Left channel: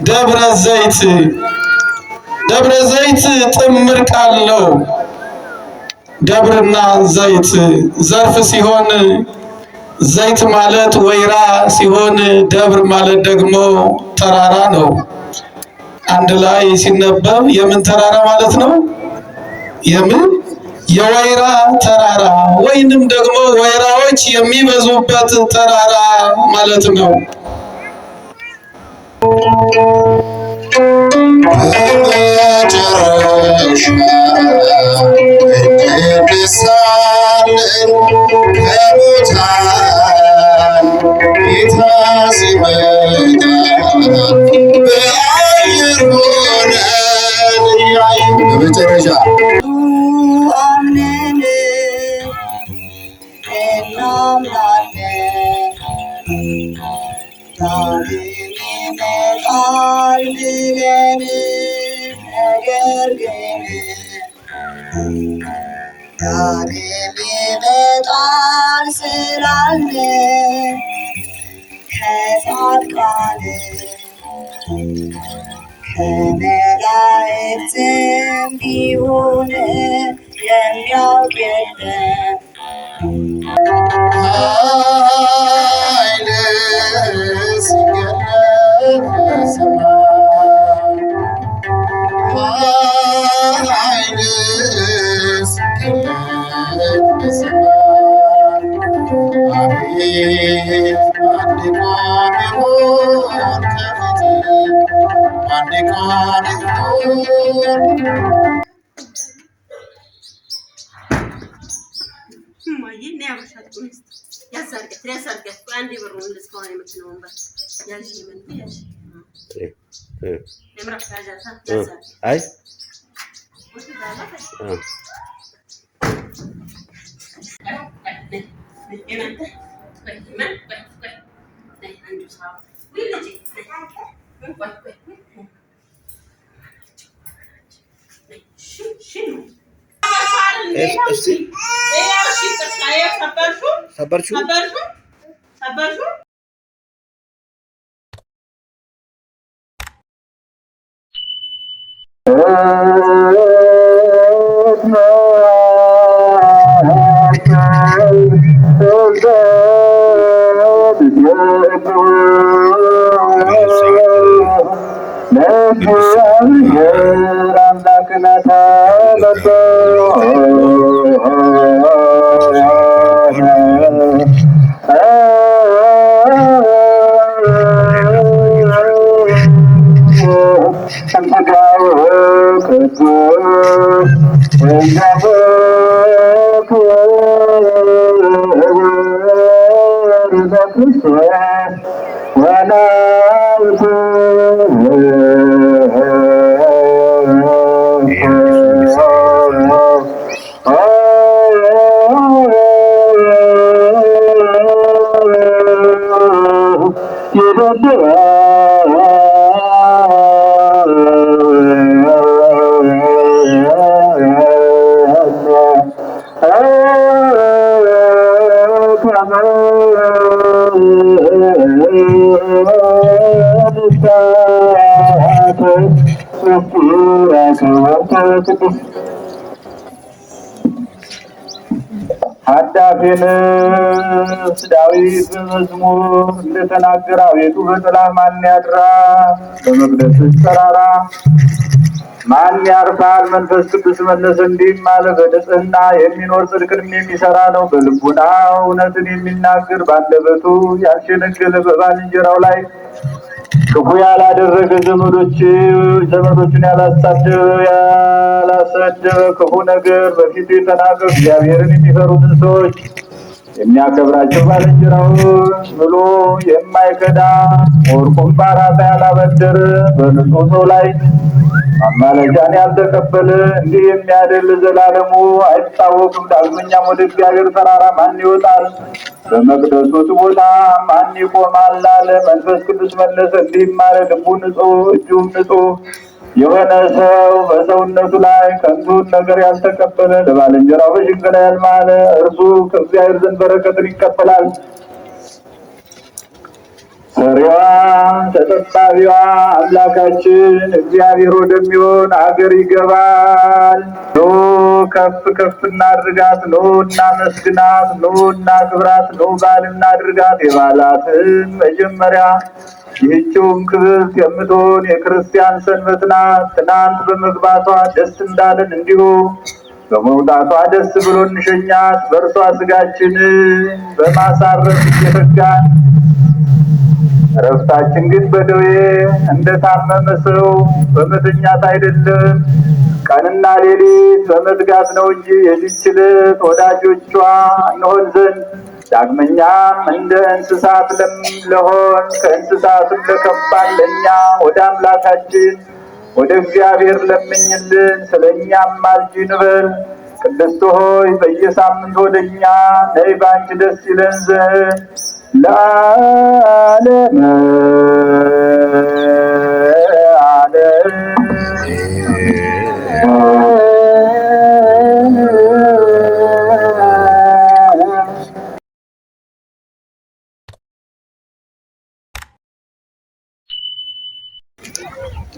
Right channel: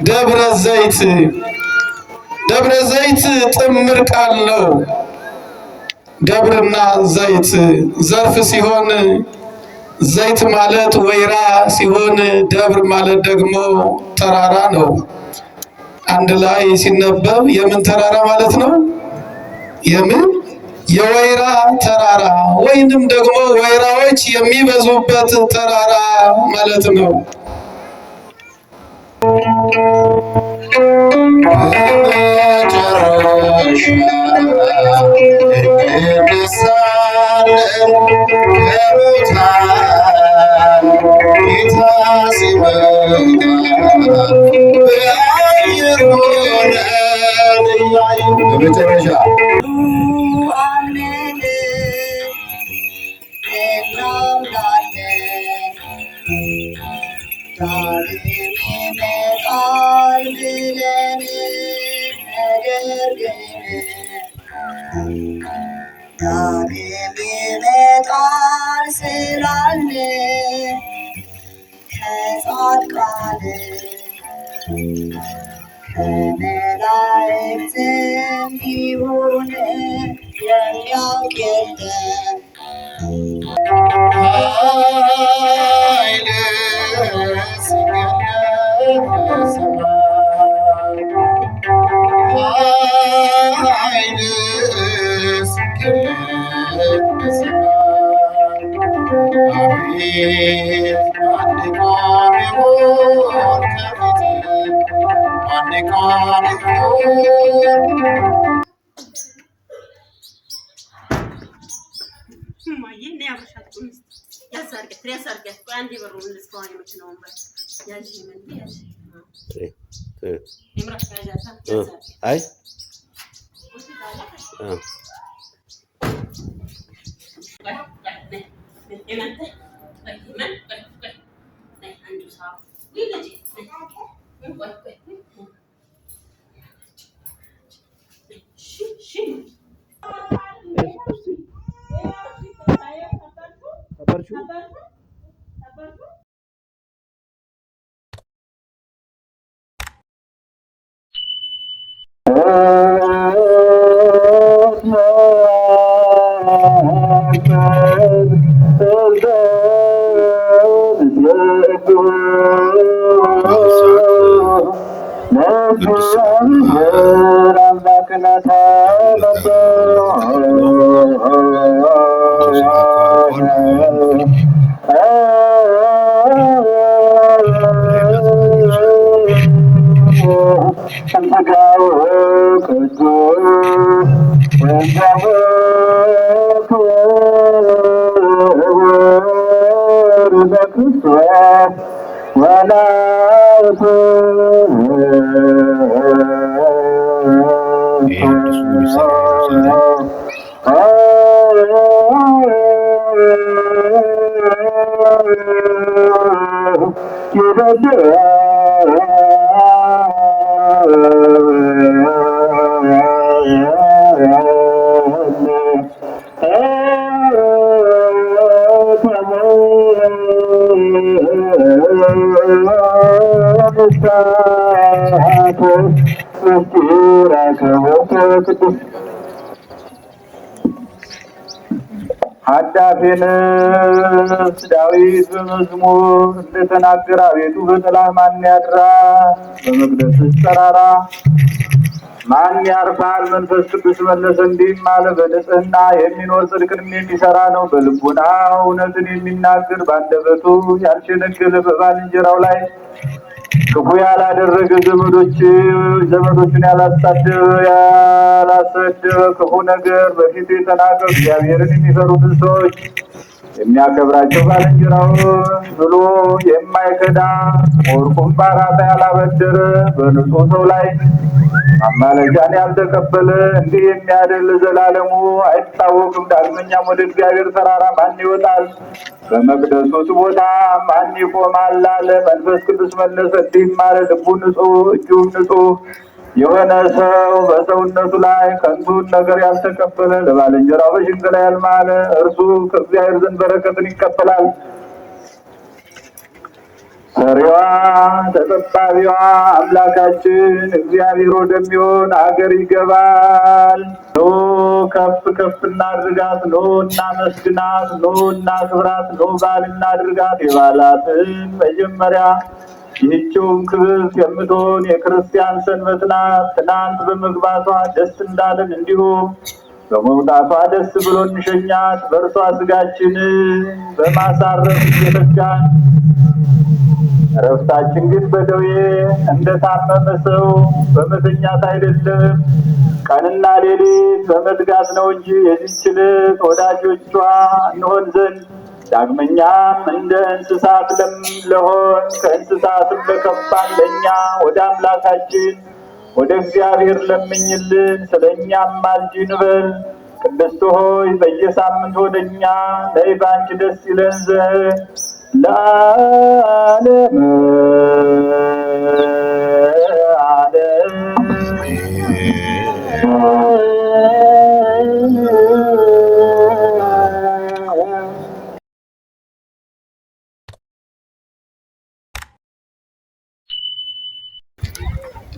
ደብረ ዘይት ደብረ ዘይት ጥምር ቃል ነው። ደብርና ዘይት ዘርፍ ሲሆን ዘይት ማለት ወይራ ሲሆን ደብር ማለት ደግሞ ተራራ ነው። አንድ ላይ ሲነበብ የምን ተራራ ማለት ነው? የወይራ ተራራ ወይንም ደግሞ ወይራዎች የሚበዙበት ተራራ ማለት ነው። አዳፊን ዳዊት በመዝሙር እንደተናገረ አቤቱ በጥላህ ማን ያድራል? በመቅደስህ ተራራ ማን ያርፋል? መንፈስ ቅዱስ መለሰ እንዲህም አለ፣ በንጽሕና የሚኖር ጽድቅንም የሚሰራ ነው። በልቡና እውነትን የሚናገር በአንደበቱ ያልሸነገለ በባልንጀራው ላይ ክፉ ያላደረገ ዘመዶችን ያላሰደበ ክፉ ነገር በፊቱ የተናገረ እግዚአብሔርን የሚፈሩትን ሰዎች የሚያከብራቸው ባልንጀራውን ብሎ የማይከዳ ወርቁን በአራጣ ያላበደረ በንጹሕ ሰው ላይ ማማለጃን ያልተቀበለ እንዲህ የሚያደል ዘላለሙ አይታወቅም። ዳግመኛም ወደ እግዚአብሔር ተራራ ማን ይወጣል? በመቅደሱ ቦታ ማን ይቆማል አለ። መንፈስ ቅዱስ መለሰ እንዲህም አለ፣ ልቡ ንጹሕ እጁም ንጹሕ የሆነ ሰው በሰውነቱ ላይ ከንቱን ነገር ያልተቀበለ ለባልንጀራው በሽንገላ ያልማለ እርሱ ከእግዚአብሔር ዘንድ በረከትን ይቀበላል። ሰሪዋ ተጠባቢዋ አምላካችን እግዚአብሔር ወደሚሆን አገር ይገባል። ኑ ከፍ ከፍ እናድርጋት፣ ኑ እናመስግናት፣ ኑ እናክብራት፣ ኑ በዓል እናድርጋት። የበዓላትን መጀመሪያ ይህችውም ክብርት የምትሆን የክርስቲያን ሰንበት ናት። ትናንት በመግባቷ ደስ እንዳለን እንዲሁ በመውጣቷ ደስ ብሎ እንሸኛት። በእርሷ ስጋችንን በማሳረፍ እየተጋን እረፍታችን ግን በደዌ እንደታመመ ሰው በመተኛት አይደለም፣ ቀንና ሌሊት በመትጋት ነው እንጂ የዚህች ዕለት ወዳጆቿ እንሆን ዘንድ ዳግመኛም እንደ እንስሳት ለሆን ከእንስሳትም ለከፋን ለእኛ ወደ አምላካችን ወደ እግዚአብሔር ለምኝልን፣ ስለ እኛም ማልጂ እንበል። ቅድስት ሆይ በየሳምንት ወደ እኛ ነይ፣ ባንቺ ደስ ይለን ዘንድ ለዓለመ ዓለም።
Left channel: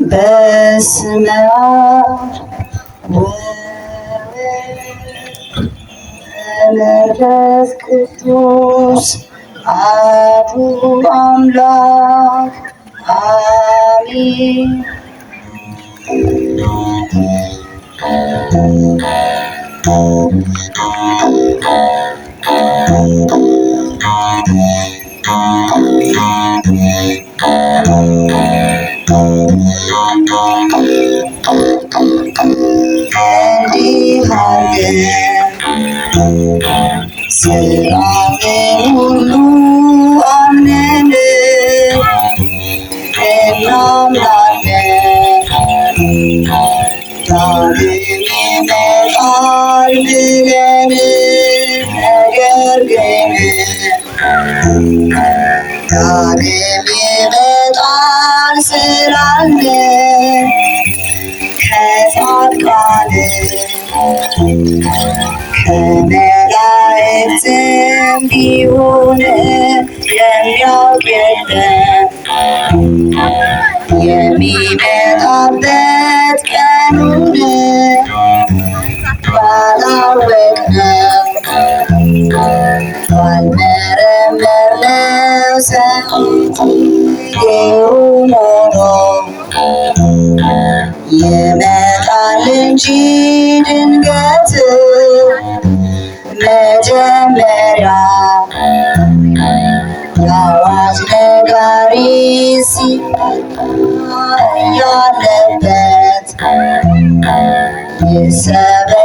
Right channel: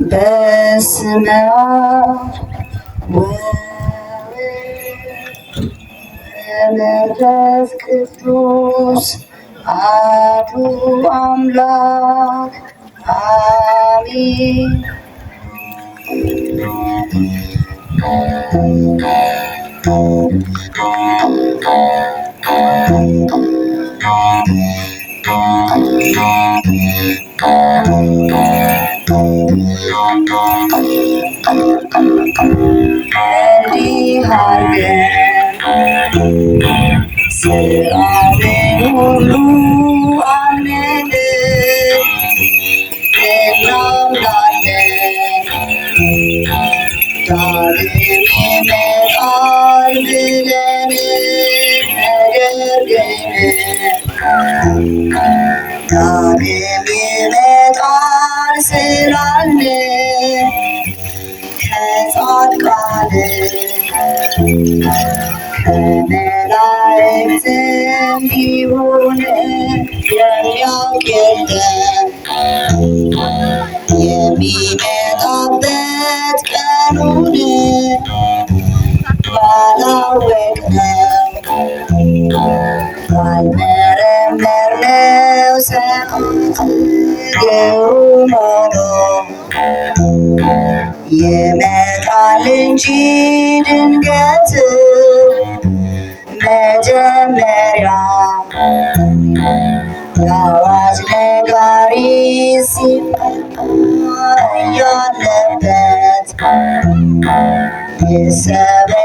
በስመ አብ ወመንፈስ ቅዱስ አሐዱ አምላክ አሜን። እንዲህ አድርገን ሥራውን ሁሉ አምነን እናምናለን። ዳግም ይመጣል ብለን ነገር ግን ዳግም ይመጣል ስላልን ከጻድቃን ከመላእክትም ቢሆን የሚያውቅ የለም። የሚመጣበት ቀኑን ባላወቅነው ባልመረመርነው ሰዓት ግሩም ሆኖ ይመጣል እንጂ ድንገት መጀመሪያ የአዋጅ ነጋሪ ሲመጣ ያለበት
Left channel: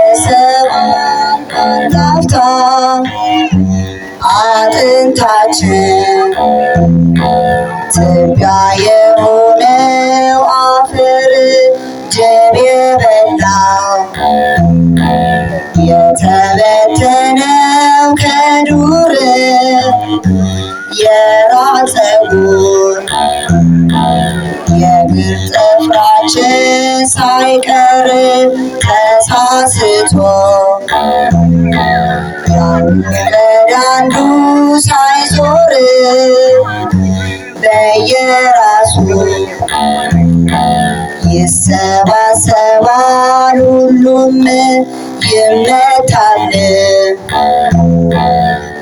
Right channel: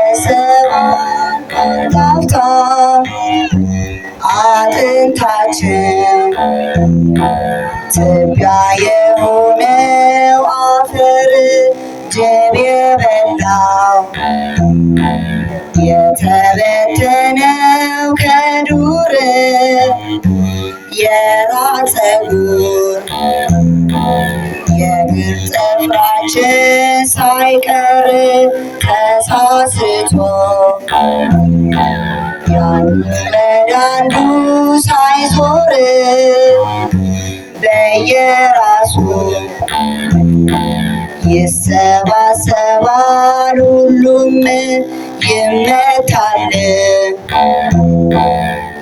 ይሰበሰባል አንድ አፍታ አጥንታችን ትቢያ የሆነው አፈር ጅብ የበላው የተበተነው ከዱር የራስ ፀጉር የእግር ጥፍራችን ሳይቀር ተሳስቶ ያንዱ ወደ አንዱ ሳይዞር በየራሱ ይሰባሰባል ሁሉም ይመታል።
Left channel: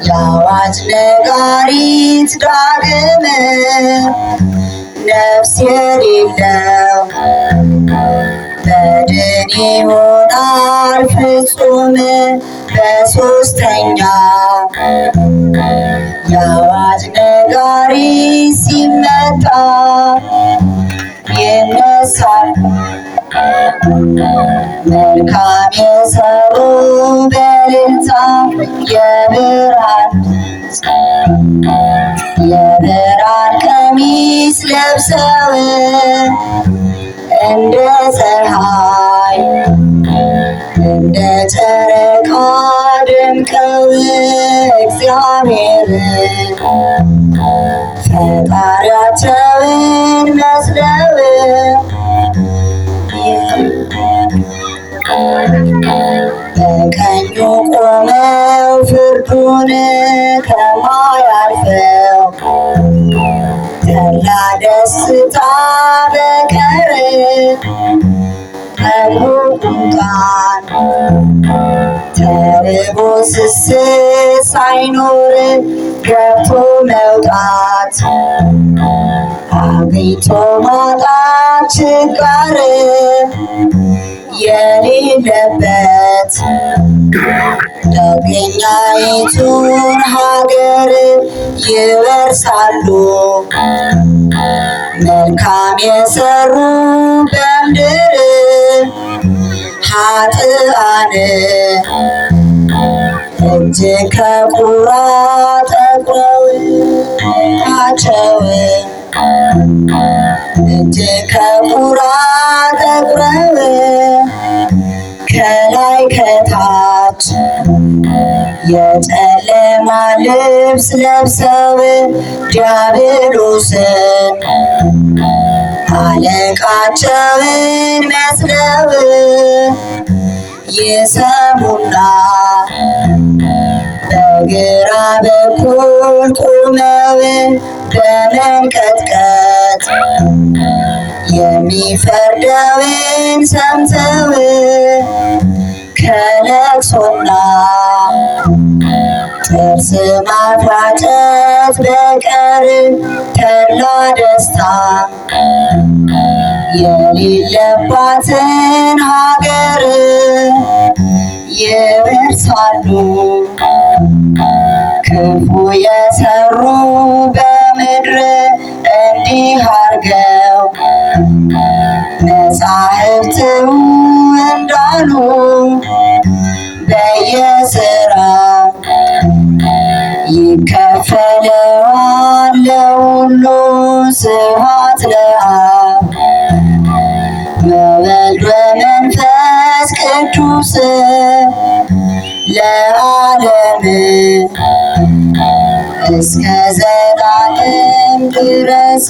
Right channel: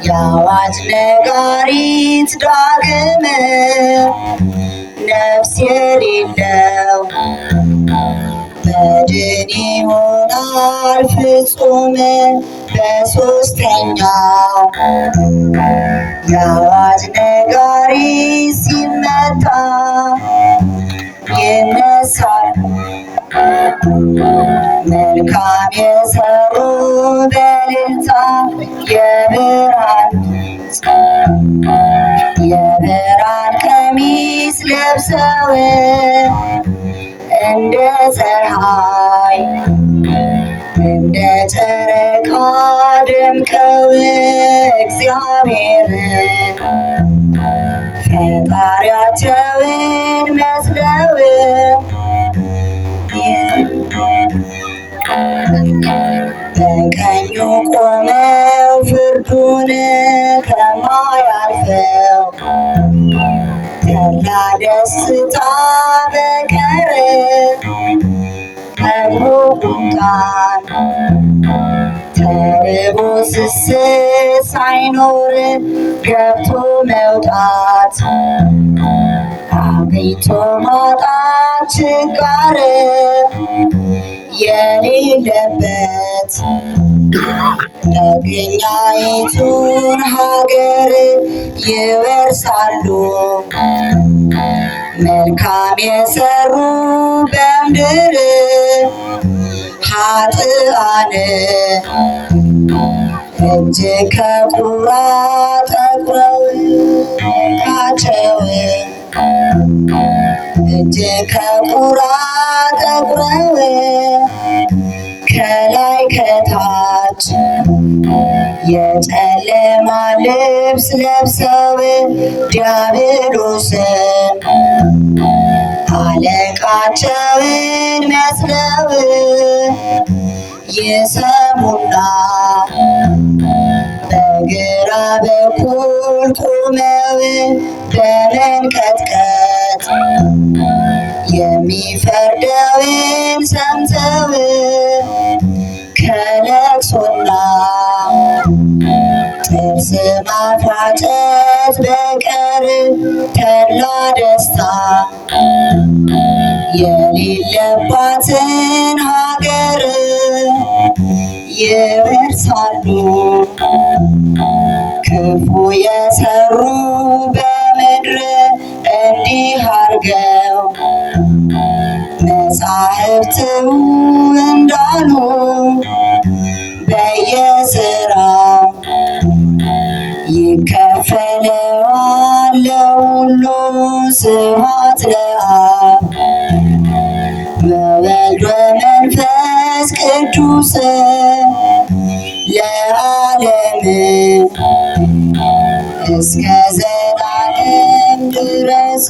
የአዋጅ ነጋሪት ዳግም ነፍስ የሌለው በድን ይሆናል ፍጹም በሦስተኛው የአዋጅ ነጋሪት ሲመታ ይነሳል። መልካም የሰሩ በእልልታ የብርሃን ቀሚስ ለብሰው እንደ ፀሐይ እንደ ጨረቃ ደምቀው እግዚአብሔርን ፈጣሪያቸውን መስለው በቀኙ ቆመው ፍርዱን ከማያልፈው ማጣት ችጋር የሌለበት ደገኛይቱን ሀገር ይወርሳሉ መልካም የሰሩ በምድር ኃጥአን እጅ ከቁራ ጠቁረው እጅ ከቁራ ጠቁረው ከላይ ከታች የጨለማ ልብስ ለብሰው ዲያብሎስን አለቃቸውን መስለው ይሰሙና በግራ በኩል ቆመው በመንቀጥቀጥ የሚፈርደውን ሰምተው ከለቅሶና ጥርስ ማፋጨት በቀር ተድላ ደስታ የሌለባትን ሀገር ይወርሳሉ ክፉ የሰሩ በምድር እንዲህ አርገው መጻሕፍት እንዳሉ በየሥራው ይከፈለዋል ለሁሉ ስብሐት ለአብ ወወልድ ወመንፈስ ቅዱስ ለዓለም እስከ ዘላለም ድረስ።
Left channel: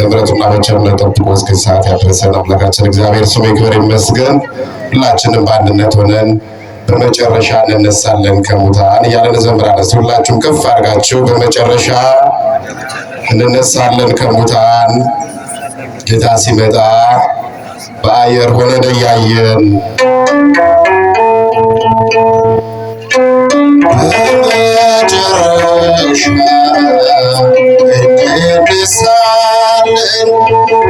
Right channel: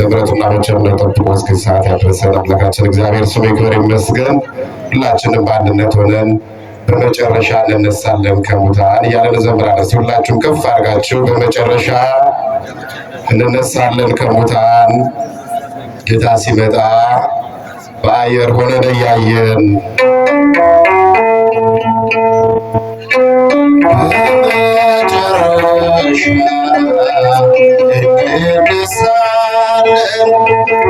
ምሕረቱና በቸርነቱ ጠብቆ እስከዚህ ሰዓት ያደረሰን አምላካችን እግዚአብሔር ስሙ ይክበር ይመስገን። ሁላችንም በአንድነት ሆነን በመጨረሻ እንነሳለን ከሙታን እያለን እንዘምራለን። ሁላችሁም ከፍ አድርጋችሁ በመጨረሻ እንነሳለን ከሙታን ጌታ ሲመጣ በአየር ሆነን እያየን በመጨረሻ እንነሳለን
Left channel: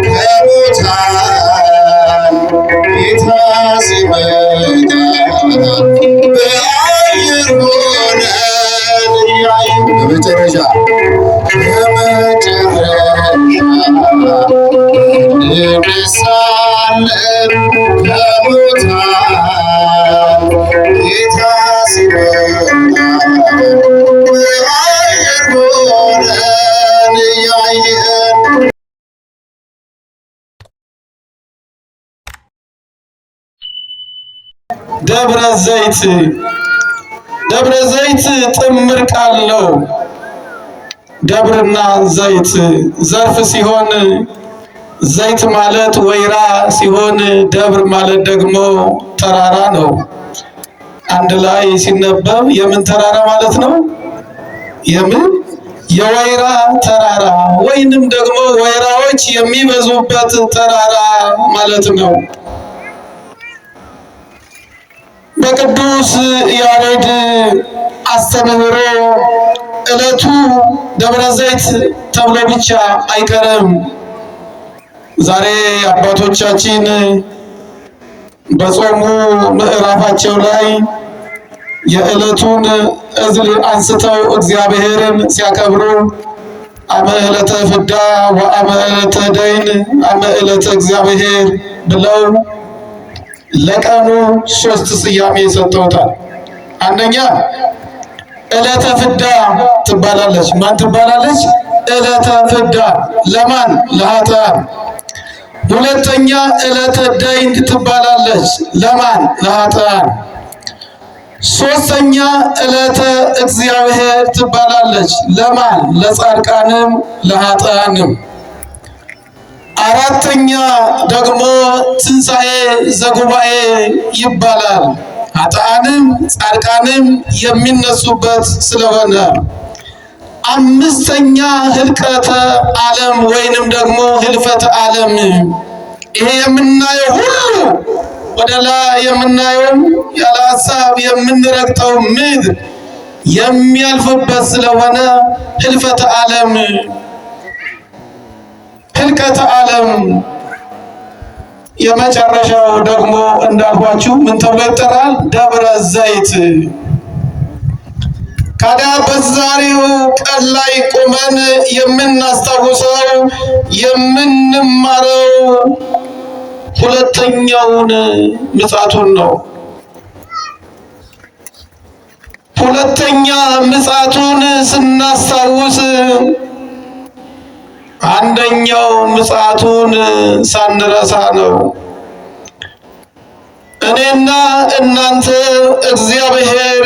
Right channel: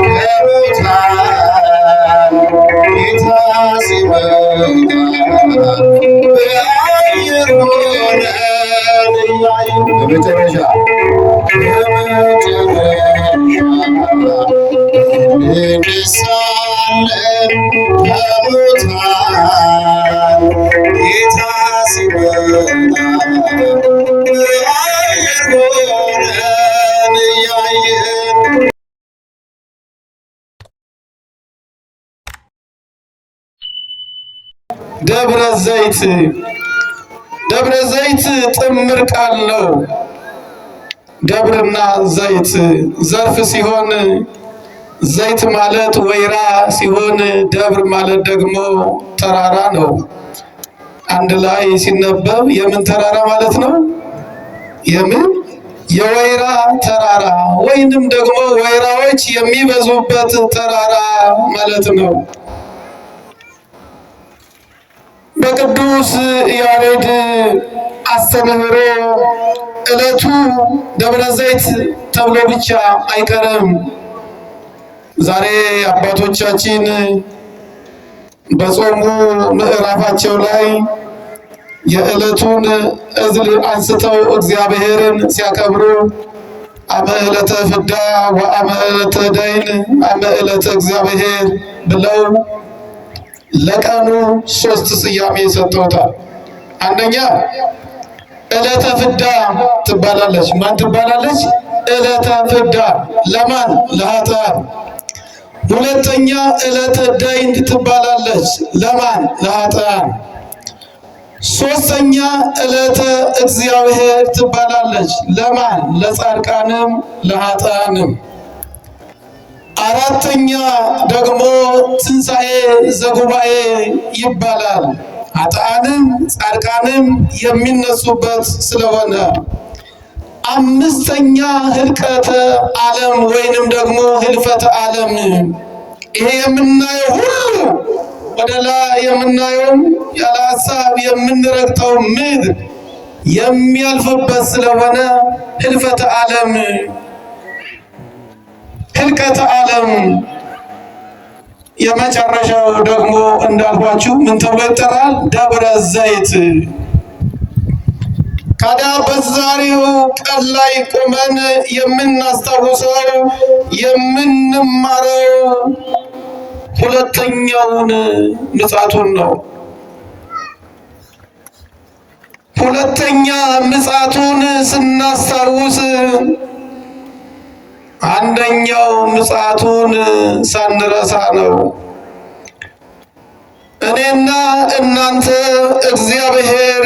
ከሙታን ጌታ ሲመጣ በአየር ሆነን እያየን በመጨረሻ እንነሳለን ከሙታን ጌታ ሲመጣ በአየር ሆነን እያየን። ደብረ ዘይት ጥምር ቃል ነው። ደብርና ዘይት ዘርፍ ሲሆን ዘይት ማለት ወይራ ሲሆን ደብር ማለት ደግሞ ተራራ ነው። አንድ ላይ ሲነበብ የምን ተራራ ማለት ነው? የወይራ ተራራ ወይንም ደግሞ ወይራዎች የሚበዙበት ተራራ ማለት ነው። በቅዱስ ያሬድ አስተምህሮ ዕለቱ ደብረ ዘይት ተብሎ ብቻ አይቀርም። ዛሬ አባቶቻችን በጾሙ ምዕራፋቸው ላይ የዕለቱን እዝል አንስተው እግዚአብሔርን ሲያከብሩ አመ ዕለተ ፍዳ ወአመ ዕለተ ደይን አመ ዕለተ እግዚአብሔር ብለው ለቀኑ 3 ስያሜ ሰጥተውታል። አንደኛ ዕለተ ፍዳ ትባላለች። ማን ትባላለች? ዕለተ ፍዳ ለማን? ለኃጥአን። ሁለተኛ ዕለተ ደይን ትባላለች። ለማን? ለኃጥአን። ሶስተኛ ዕለተ እግዚአብሔር ትባላለች። ለማን? ለጻድቃንም ለኃጥአንም። አራተኛ ደግሞ ትንሣኤ ዘጉባኤ ይባላል። ኃጥአንም ጻድቃንም የሚነሱበት ስለሆነ። አምስተኛ ህልቀተ ዓለም ወይንም ደግሞ ህልፈተ ዓለም። ይሄ የምናየው ሁሉ ወደ ላይ የምናየው ያለ ሀሳብ የምንረግጠው ምድር የሚያልፍበት ስለሆነ ህልቀተ ዓለም የመጨረሻው ደግሞ እንዳልኳችሁ ምን ተብሎ ይጠራል? ደብረ ዘይት። ታዲያ በዛሬው ቀን ላይ ቆመን የምናስታውሰው የምንማረው ሁለተኛውን ምጽአቱን ነው። ሁለተኛ ምጽአቱን ስናስታውስ አንደኛው ምጽአቱን ሳንረሳ ነው። እኔና እናንተ እግዚአብሔር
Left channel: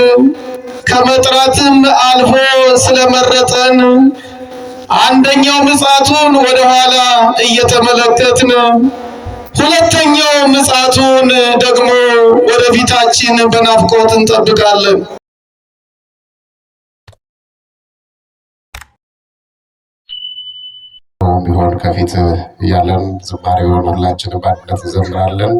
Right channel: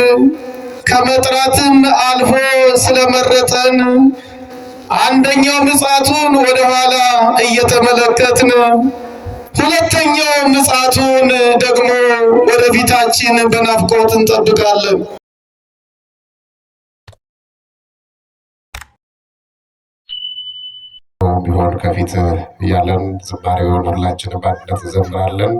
ከመጥራትም አልፎ ስለመረጠን አንደኛው ምጽአቱን ወደኋላ እየተመለከትን ሁለተኛው ምጽአቱን ደግሞ ወደፊታችን በናፍቆት እንጠብቃለን። ቢሆን ከፊት እያለን ዝማሬውን ሁላችንም በአንድነት እንዘምራለን።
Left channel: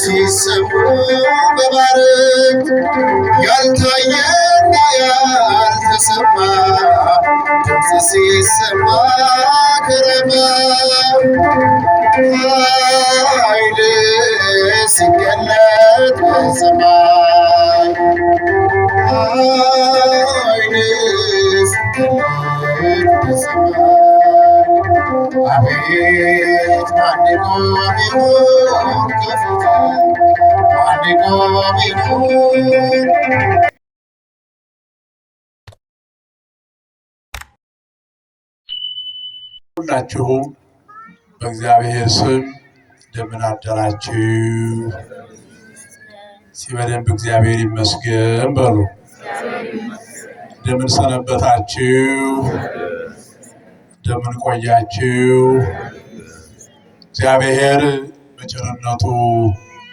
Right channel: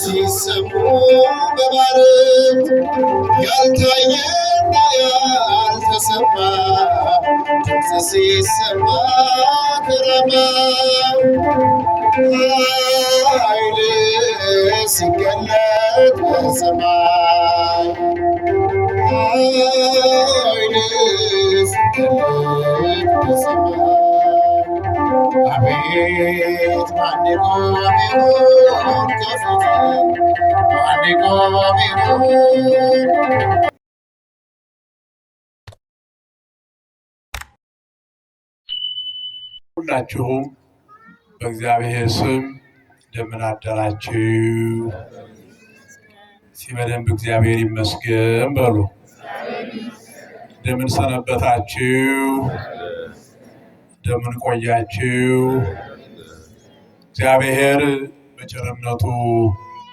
ሲሰሙ በባረት ያልታየና ያልተሰማ ድምፅ ሲሰማ ከረማ ኃይል ሲገለጥ በሰማይ ኃይል ሲገለጥ በሰማይ አቤት ማን ይቆም ይሆን ከፊቱ ማን ይቆም ይሆን? ሁላችሁም በእግዚአብሔር ስም እንደምን አደራችሁ? በደንብ እግዚአብሔር ይመስገን በሉ። እንደምን ሰነበታችሁ? እንደምን ቆያችሁ? እግዚአብሔር በቸርነቱ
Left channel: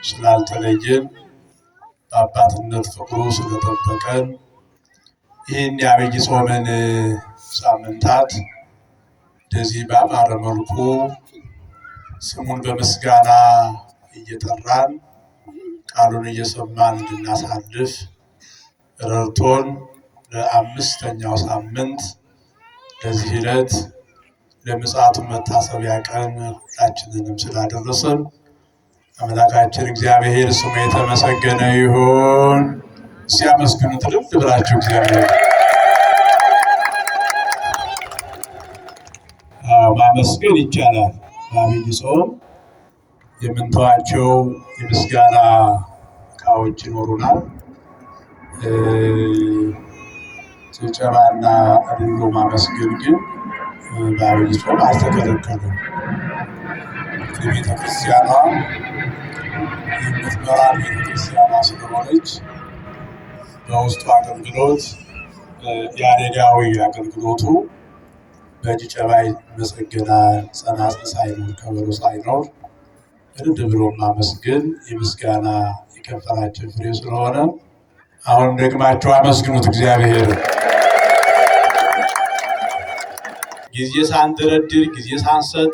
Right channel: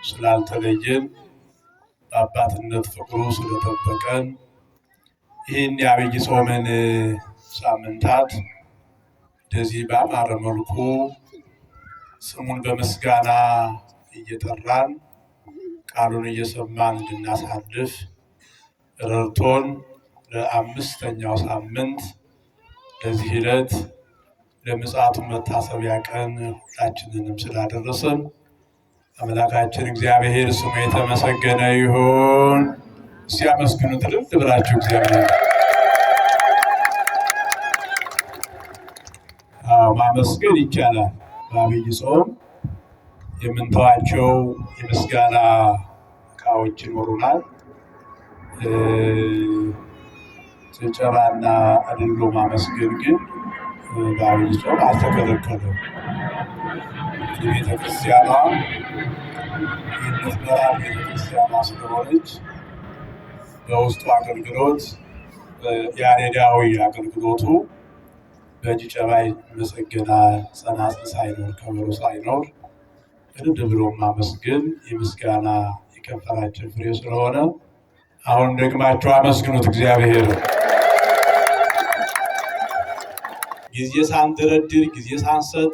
ስላልተለየን በአባትነት ፍቅሩ ስለጠበቀን ይህን የዐቢይ ጾምን ሳምንታት እንደዚህ በአማረ መልኩ ስሙን በምስጋና እየጠራን ቃሉን እየሰማን እንድናሳልፍ ረድቶን ለአምስተኛው ሳምንት ለዚህ ዕለት ለምጽአቱ መታሰቢያ ቀን ሁላችንንም ስላደረሰን አምላካችን እግዚአብሔር ስሙ የተመሰገነ ይሁን። ሲያመስግኑት ልብ ብላችሁ እግዚአብሔር ማመስገን ይቻላል። በዐቢይ ጾም የምንተዋቸው የምስጋና እቃዎች ይኖሩናል። ጭብጨባና አድሎ ማመስገን ግን በዐቢይ ጾም አልተከለከለም። ቤተክርስቲያኗ የምትመራ ቤተክርስቲያኗ ስለሆነች በውስጡ አገልግሎት ያሬዳዊ አገልግሎቱ በጭብጨባ ይመሰገናል። ጸናጽል ሳይኖር ከበሮ ሳይኖር እልል ብሎ ማመስገን የምስጋና የከንፈራችን ፍሬ ስለሆነ አሁን ደግማችሁ አመስግኑት እግዚአብሔር። ጊዜ ሳንደረድር ጊዜ ሳንሰጥ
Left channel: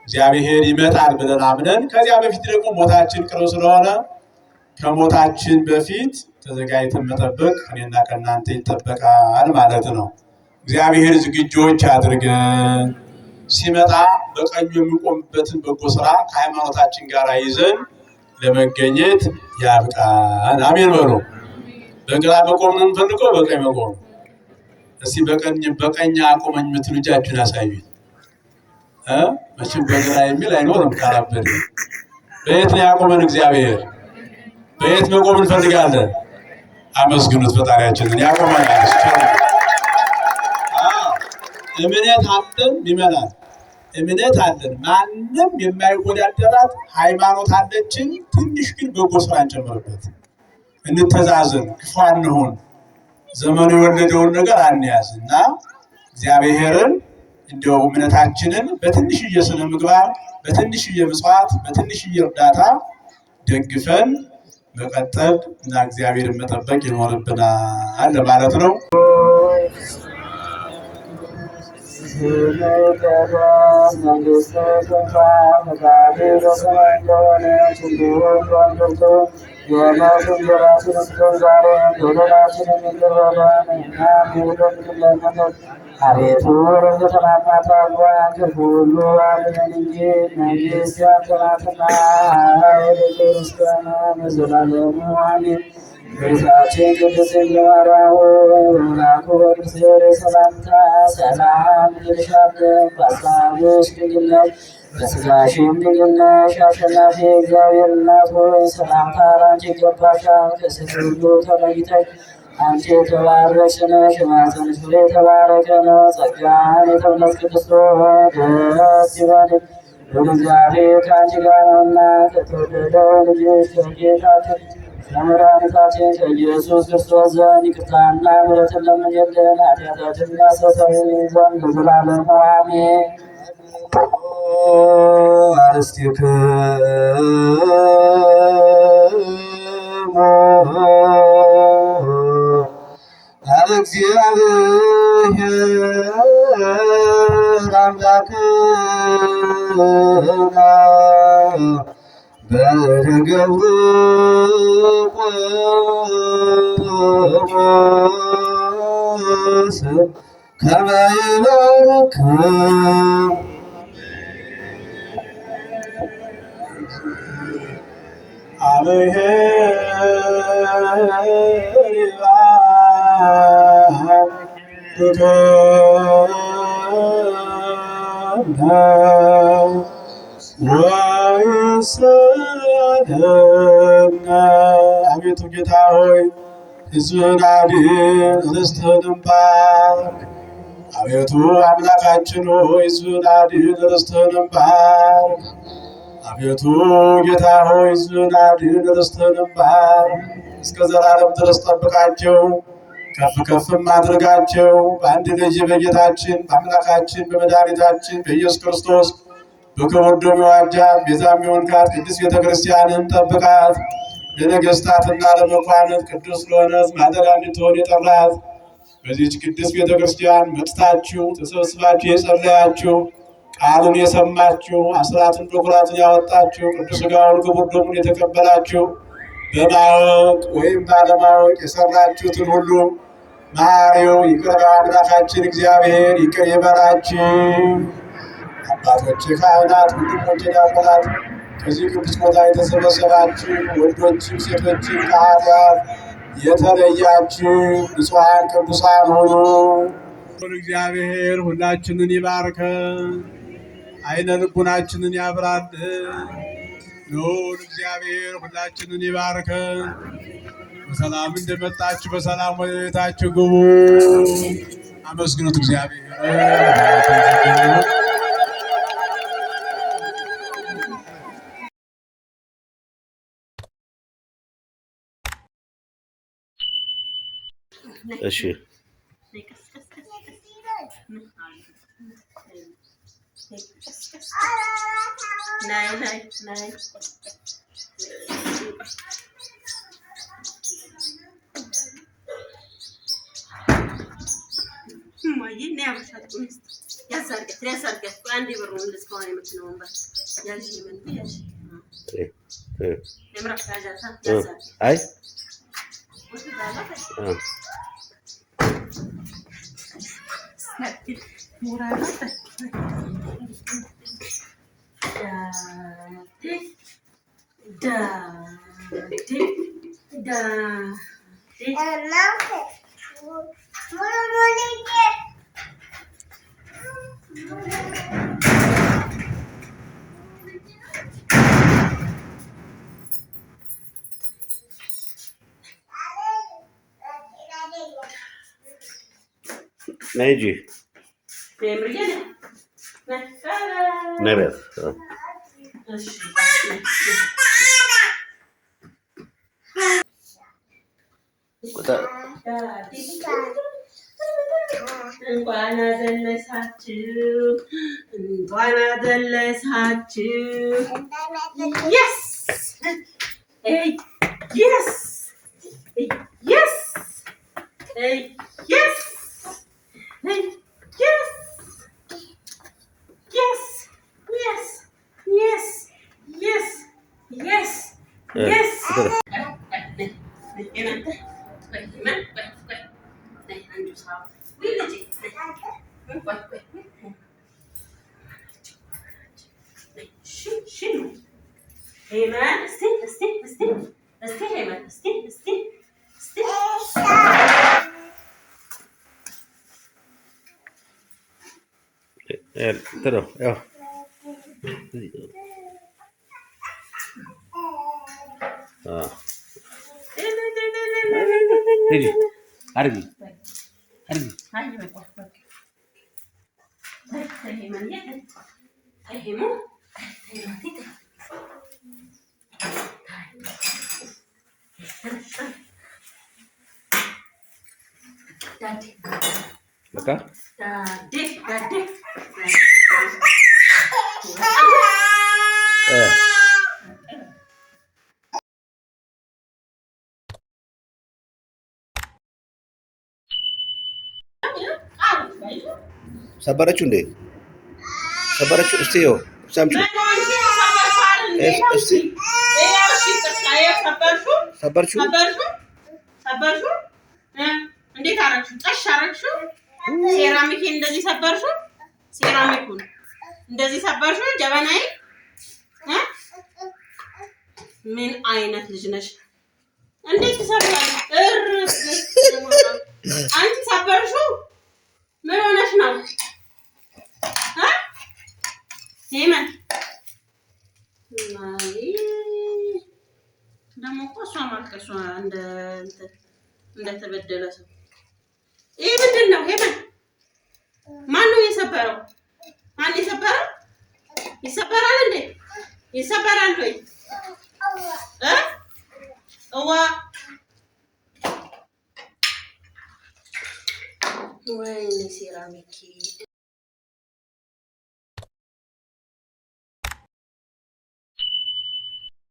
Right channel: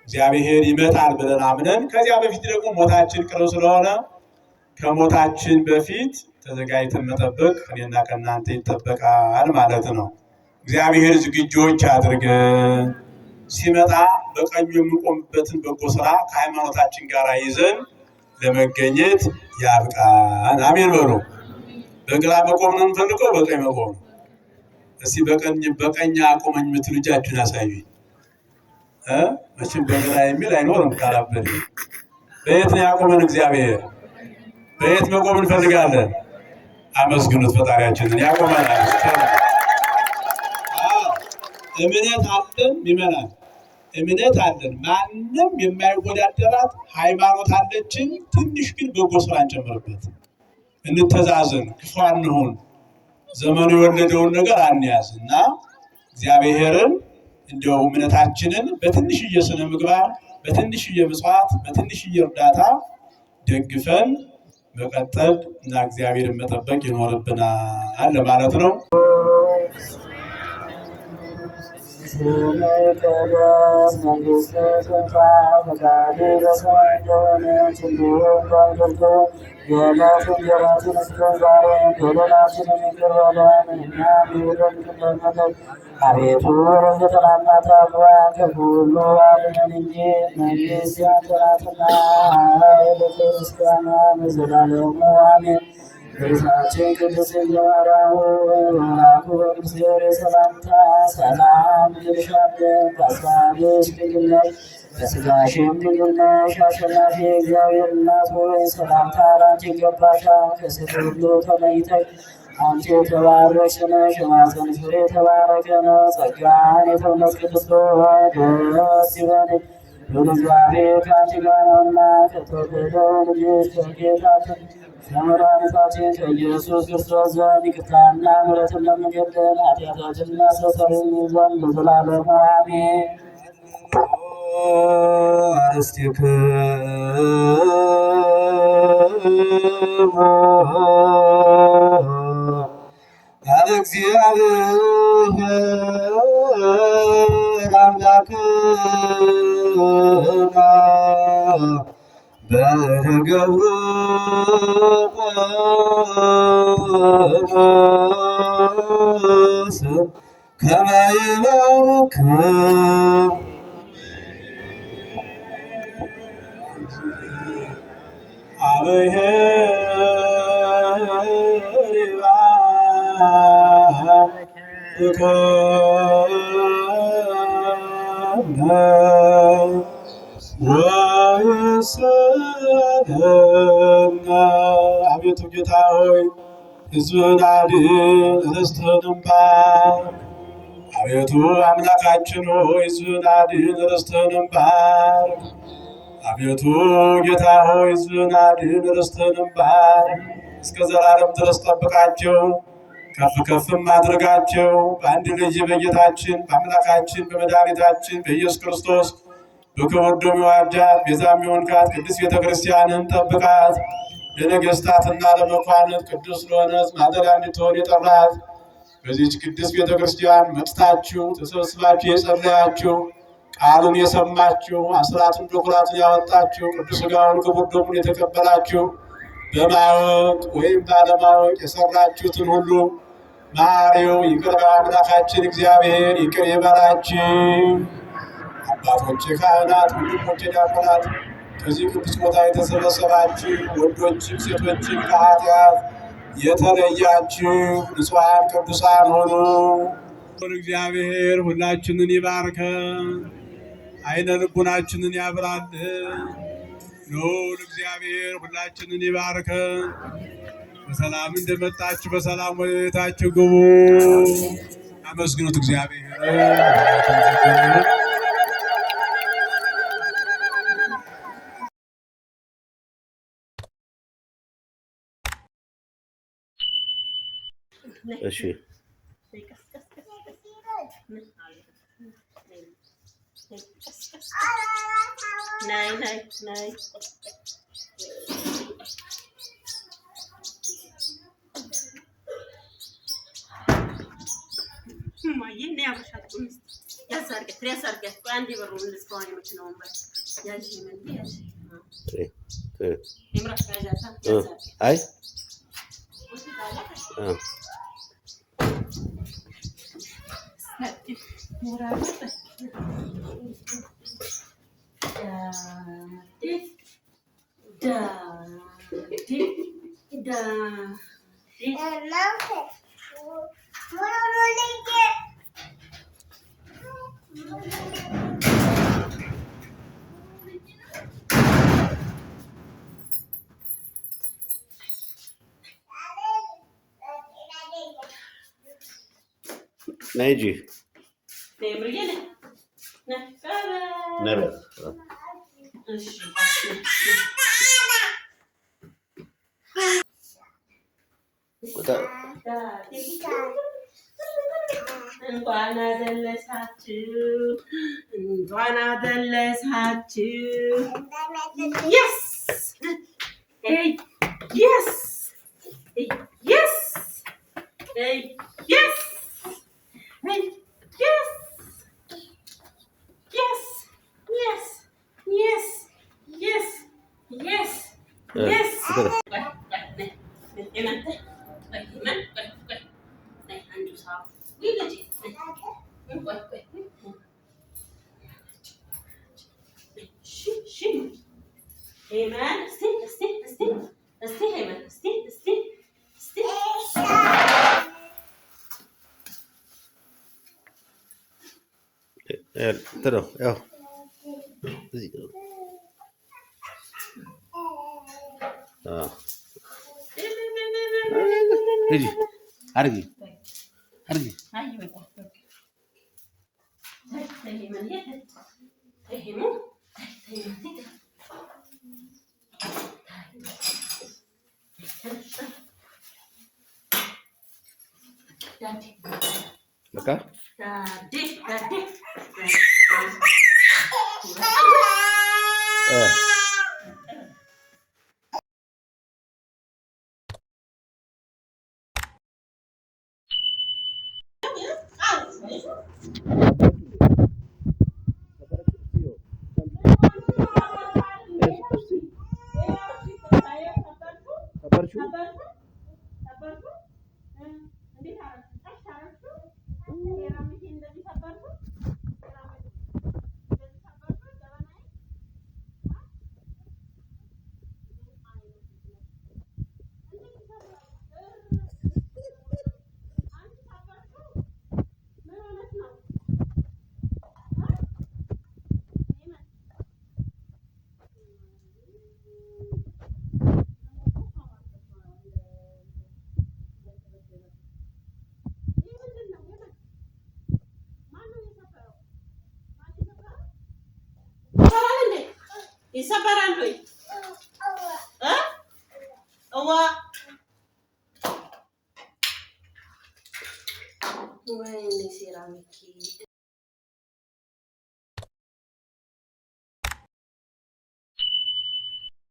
እግዚአብሔር ይመጣል ብለን አምነን ከዚያ በፊት ደግሞ ሞታችን ቅርብ ስለሆነ ከሞታችን በፊት ተዘጋጅተን መጠበቅ እኔና ከእናንተ ይጠበቃል ማለት ነው። እግዚአብሔር ዝግጁዎች አድርገን ሲመጣ በቀኙ የምንቆምበትን በጎ ስራ ከሃይማኖታችን ጋር ይዘን ለመገኘት ያብቃን። አሜን በሉ። በግራ መቆም ነው የምንፈልገው፣ በቀኝ መቆም። እስቲ በቀኝ አቁመኝ የምትሉ እጃችሁን አሳዩኝ። መቼም በግራ የሚል አይኖርም። ካላበደ በየት ነው ያቆመን እግዚአብሔር? በየት መቆም እንፈልጋለን? አመስግኑት ፈጣሪያችንን። ያቆመናል። እምነት አለን ይመናል። እምነት አለን፣ ማንም የማይወዳደራት ሃይማኖት አለችን። ትንሽ ግን በጎ ስራ እንጨምርበት። እንተዛዘን፣ ክፉ አንሁን፣ ዘመኑ የወለደውን ነገር አንያዝ እና እግዚአብሔርን እንደው እምነታችንን በትንሽዬ ስነ ምግባር፣ በትንሽዬ ምጽዋት፣ በትንሽዬ እርዳታ ደግፈን መቀጠል እና እግዚአብሔርን መጠበቅ ይኖርብናል ማለት ነው። አቤቱ የተናናት አልዋት ሁሉ አድነን እንጂ መንግሥት ያንተ ናትና ኃይል፣ ምስጋና ለዘላለሙ አሜን። ጌታችን ቅድስት ድንግል ማርያም ሆይ በመልአኩ በቅዱስ ገብርኤል ሰላምታ ሰላም እንልሻለን። በሐሳብሽ ድንግል ነሽ፣ በሥጋሽም ድንግል ነሽ። አሸናፊ እግዚአብሔር እናት ሆይ ሰላምታ ላንቺ ይገባሻል። ከሴቶች ሁሉ ተለይተሽ አንቺ የተባረክሽ ነሽ፣ የማኅፀንሽ ፍሬ የተባረከ ነው። ጸጋን የተመላሽ ቅድስት ሆይ ደስ ይበልሽ፣ እግዚአብሔር ከአንቺ ጋር ነውና ከተወደደው ልጅሽ ከጌታችን ከመድኃኒታችን ከኢየሱስ ክርስቶስ ዘንድ ይቅርታና ምሕረትን ለምኝልን ኃጢአታችንን ያስተሰርይልን ዘንድ ለዘላለሙ አሜን። አርሥቲክሙ እግዚአብሔር አምላክነ በደገብሩ ቆሞስ ከመ ይባርክሙ አቤቱ ጌታ ሆይ ሕዝብህን አድን፣ ርስትህንም ባርክ። አቤቱ አምላካችን ሆይ ሕዝብህን አድን፣ ርስትህንም ባርክ። አቤቱ ጌታ ሆይ ሕዝብህን አድን፣ ርስትህንም ባርክ። እስከ ዘላለም ድረስ ጠብቃቸው፣ ከፍ ከፍም አድርጋቸው። በአንድ ልጅ በጌታችን በአምላካችን በመድኃኒታችን በኢየሱስ ክርስቶስ በክቡር ደሙ የዋጃት ቤዛም የሆንካት ቅድስት ቤተክርስቲያንን ጠብቃት። ለነገሥታትና ለመኳንንት ቅዱስ ለሆነ ሕዝብ ማደሪያ እንድትሆን የጠራት በዚህች ቅድስት ቤተክርስቲያን መጥታችሁ ተሰብስባችሁ የጸለያችሁ ቃሉን የሰማችሁ አስራትን በኩራትን ያወጣችሁ ቅዱስ ሥጋውን ክቡር ደሙን የተቀበላችሁ በማወቅ ወይም ባለማወቅ የሰራችሁትን ሁሉ መሐሪው ይቅር ባይ አምላካችን እግዚአብሔር ይቅር ይበላችሁ። አባቶቼ ካህናት፣ ወንድሞቼ ዲያቆናት፣ ከዚህ ቅዱስ ቦታ የተሰበሰባችሁ ወንዶችም ሴቶችም ከኃጢአት የተለያችሁ ንጹሐን ቅዱሳን ሁኑ። እግዚአብሔር ሁላችንን ይባርከን፣ አይነ ልቡናችንን ያብራልን። ልዑል እግዚአብሔር ሁላችንን ይባርከን። በሰላም እንደመጣችሁ በሰላም ወደ ቤታችሁ ግቡ። አመስግኑት እግዚአብሔር። እሺ ናይ ማየ ነው ያመሻት ያሳርገት አንድ ይበሩ እንደስከው አይመች ነው ወንበር ያጂ ምን ያጂ የምራፍ ያዛታ አይ ሞራላ نيجي نبات እንኳን አደረሳችሁ እንኳን አደረሳችሁ yes hey yes yes hey yes hey yes yes yes yes yes yes yes Amen. Stay. Amen. Stay. ترى يا نيجي أرجي Oke. Sabarችሁ እንዴ? ሰበረችው? እስቲ ይኸው ሰምቹ ሰበርችሁ? እንዴት አረግሽው? ጠሽ አረግሽው? ሴራሚክን እንደዚህ ሰበርሽው? ሴራሚኩን እንደዚህ ሰበርሽው? ጀበናዬ ምን አይነት ልጅ ነሽ? እንዴት ትሰብራለሽ? አንቺ ሰበርሽው? ምን ሆነሽ ነው? ሄመን ደግሞ እኮ እሷ ማልቀሷ እንደተበደለ ሰው። ይሄ ምንድን ነው? ሄመን ማን ነው የሰበረው? ማን የሰበረው? ይሰበራል እንዴ? ይሰበራል ወይ? እዋ ወይኔ ሴራሚክ